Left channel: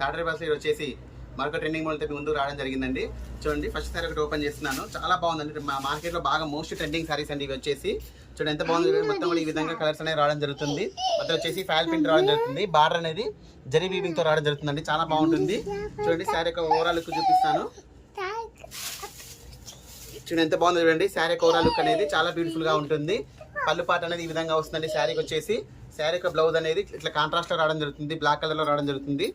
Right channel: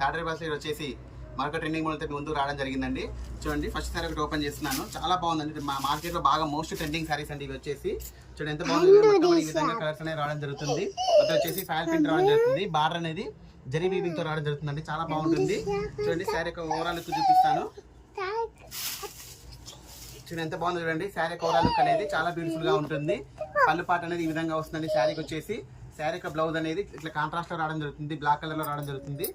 తాటరి బస్సులో వచ్చేసి మరొక ట్రెండింగ్ మోడల్ ముందు రావడం జరిగిందండి. చూడండి, ఫస్ట్ సారీ ఒకటి ఓపెన్ చేస్తున్నాను. చాలా బాగుందండి. మా మార్కెట్లో బాగా మోస్ట్ ట్రెండింగ్ సారీస్ అండి ఇవి వచ్చేసి. చూడండి ఎంత బాగుంది. మొత్తం ఈ విధంగా కలర్స్ అనేవి రావడం జరుగుతుంది. మొత్తం వచ్చేసి ఫాయిల్ ప్రింట్ రావడం జరుగుతుంది. బార్డర్ అనేది జరీ వీవింగ్ తో రావడం జరుగుతుందండి. చాలా బాగుంటుంది. చూడండి, శారీ యొక్క ఓవరాల్ లుక్ చూపిస్తాను. చూడండి ఎంత బాగుంది. చూడండి, శారీ యొక్క ఓవరాల్ లుక్ అనేది చాలా బ్యూటిఫుల్ గా ఉంటుంది. పళ్ళు పాట అనేది ఈ విధంగా వస్తుందండి. శారీకి వచ్చేసి శారీ యొక్క బ్లౌజ్ అనేది ఇట్లా కాంట్రాస్ట్ లో రావడం జరుగుతుంది. బ్లాక్ కలర్ లో రావడం జరుగుతుంది.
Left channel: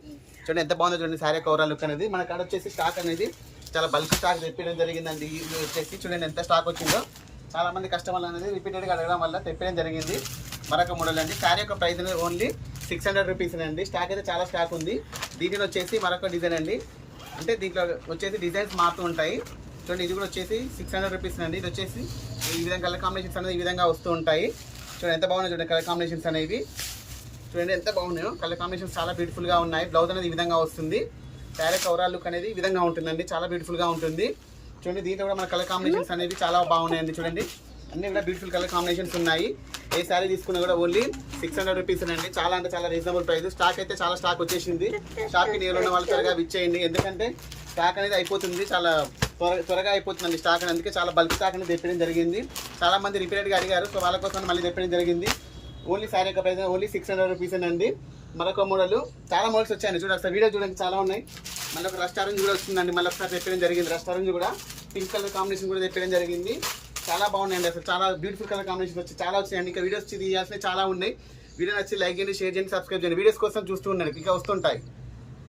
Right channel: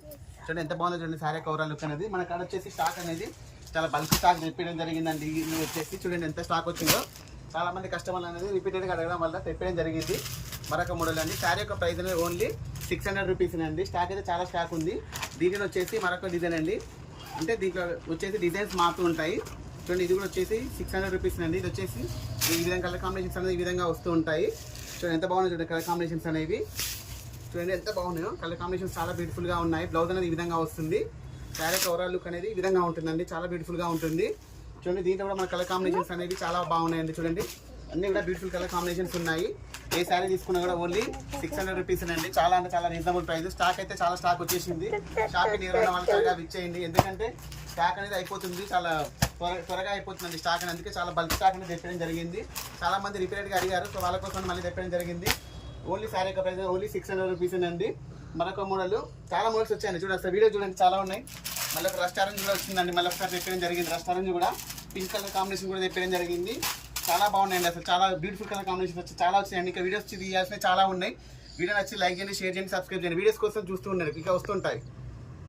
చూడండి ఎంత బాగుందో చూడండి శారీ యొక్క ఓవరాల్ లుక్ అనేది. మన కాడ వచ్చేసి స్టాక్ అనేది చాలా బల్క్ స్టాక్ తెప్పడం జరిగిందండి. ఇది వచ్చేసి చూడండి ఎంత స్టాక్ వచ్చిందో. చాలా మంది కస్టమర్లు అనేది రిపీటెడ్ గా అడగడం వల్ల తెప్పడం జరిగింది. మరొక మోడల్ అండి. శారీ యొక్క ప్రైస్ అనేది ఓన్లీ 600 రూపీస్ అండి. స్టాక్ అయితే చాలా స్టాక్ ఉంది. దీనిలో వచ్చేసి మరొక డిజైన్ అండి. అంటే దీంట్లో వచ్చేసి డిజైన్స్ మారుతూ ఉంటాయి. చూడండి, ఇది కూడా వచ్చేసి 600 రూపీస్ అండి. ఇది వచ్చేసి ఈ విధంగా కలర్ కాంబినేషన్స్ అనేది ఈ విధంగా వస్తూ ఉంటాయి. చూడండి ఎంత బాగున్నాయి. చూడండి కలర్ కాంబినేషన్స్ అనేవి చూడండి ఎంత బాగున్నాయో. కలర్ కాంబినేషన్స్ చాలా బ్యూటిఫుల్ గా ఉన్నాయి. బ్లౌజ్ అనేది ఈ విధంగా వస్తుంది. శారీ ఓవరాల్ లుక్ అనేది ఈ విధంగా ఉంటుందండి. చాలా బ్యూటిఫుల్ గా ఉంటుంది. చూడండి, దీంట్లో కూడా మన కలర్ కాంబినేషన్స్ అనేవి చాలా బాగున్నాయండి. చూడండి, అన్ని కూడా బ్యూటిఫుల్ కలర్ కాంబినేషన్స్ ఉన్నాయి. ఏ శారీ తీసుకున్నా కూడా ఓన్లీ 600 రూపీస్ అండి. చాలా అంటే చాలా రీజనబుల్ ప్రైస్. స్టాక్ అయితే చాలా స్టాక్ వచ్చేసింది. షాప్కి నియర్ ఉన్న వాళ్ళు త్వరగా విచ్చేయండి. ఎందుకంటే స్టాక్ అనేది అయిపోతుంది. చాలా త్వరగా అయిపోతుందండి స్టాక్ అనేది. అందుకే చాలా బల్క్ స్టాక్ అనేది తెప్పడం జరిగింది. చాలా మంది రిపీటెడ్గా అడిగారు. సో వాళ్ళ కోసం మళ్ళీ తెప్పడం జరిగింది. ఓన్లీ శారీ యొక్క ప్రైస్ ఓన్లీ 600 రూపీస్ అండి. మరొక మోడల్ చాలా మోడల్స్ వచ్చాయండి. చూడండి ఒకసారి వీడియో చూడండి, చాలా ఉన్నాయి. మళ్ళీ ఒక రెస్టారెంట్ కూడా వచ్చిందండి. మళ్ళీ ఒకసారి తెప్పడం జరిగింది. రెస్టారెంట్ కూడా పింక్ కలర్ కాంబినేషన్ కూడా తెప్పడం జరిగింది. చాలా బాగున్నాయండి. అసలు చాలా బ్యూటిఫుల్ కలర్ కాంబినేషన్ వచ్చి చాలా వచ్చినాయండి. ఇంకా వీడియోస్ తీయాల్సినవి చాలా ఉన్నాయి. వీడియో నచ్చి లైక్ చేయండి, షేర్ చేయండి, సబ్స్క్రైబ్ చేయండి. వీడియోస్ కోసం చూస్తూ ఉండండి, ఇంకా వస్తుంటాయి.